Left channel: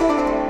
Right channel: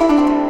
Música